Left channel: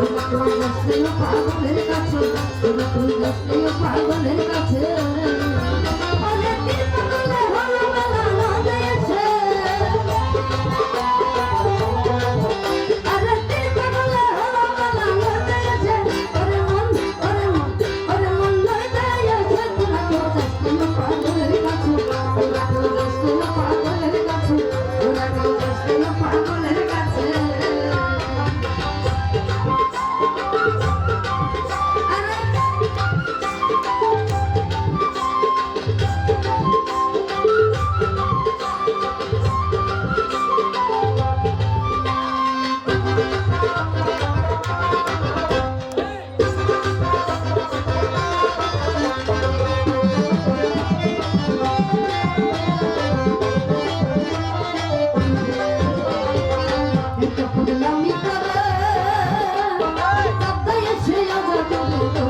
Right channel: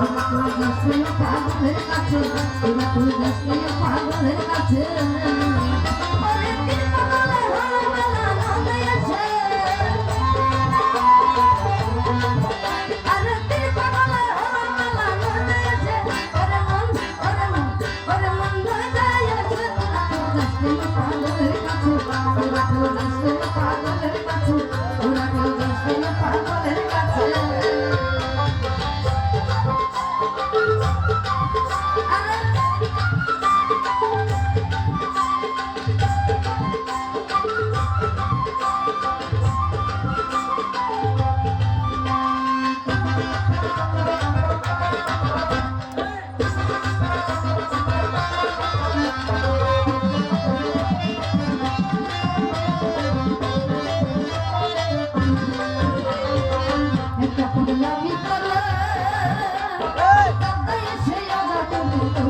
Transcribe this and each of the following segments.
এবার তুই গেছলে পাগলের কাছে এবার তুই গেছলে পাগলের কাছে Oh, oh.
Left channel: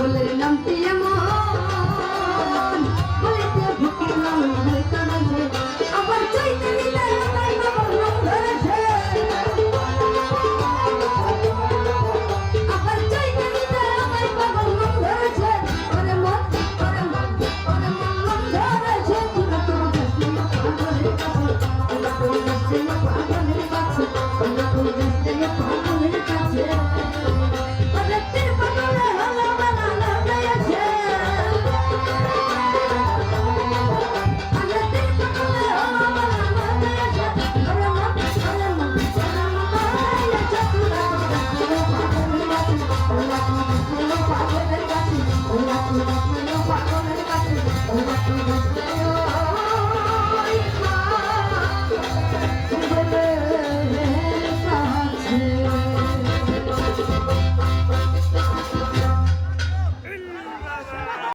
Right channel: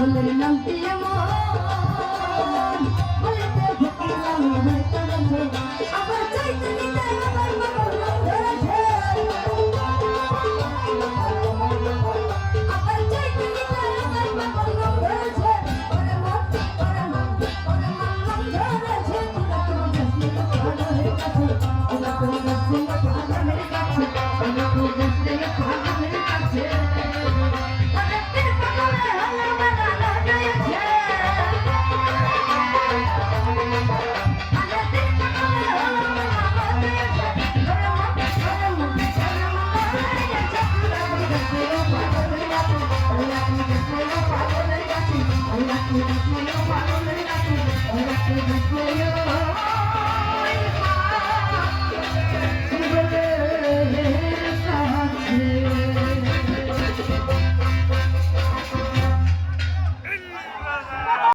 ফুলের নাম দিয়ে মন, বলিতে ভুকি নাম হইতে রয়েছে আবার চাইতে নিতে আমার জীবন নাম ধরেছে আবার চাইতে নিতে আমার জীবন নাম ধরেছে ওরে মন ওরে মন ওরে মন নাম ধরেছে। তোরা তো বসে না পাগলের কাছে তোরা তো বসে না পাগলের কাছে তোরা তো বসে ಒಂಬತ್ತು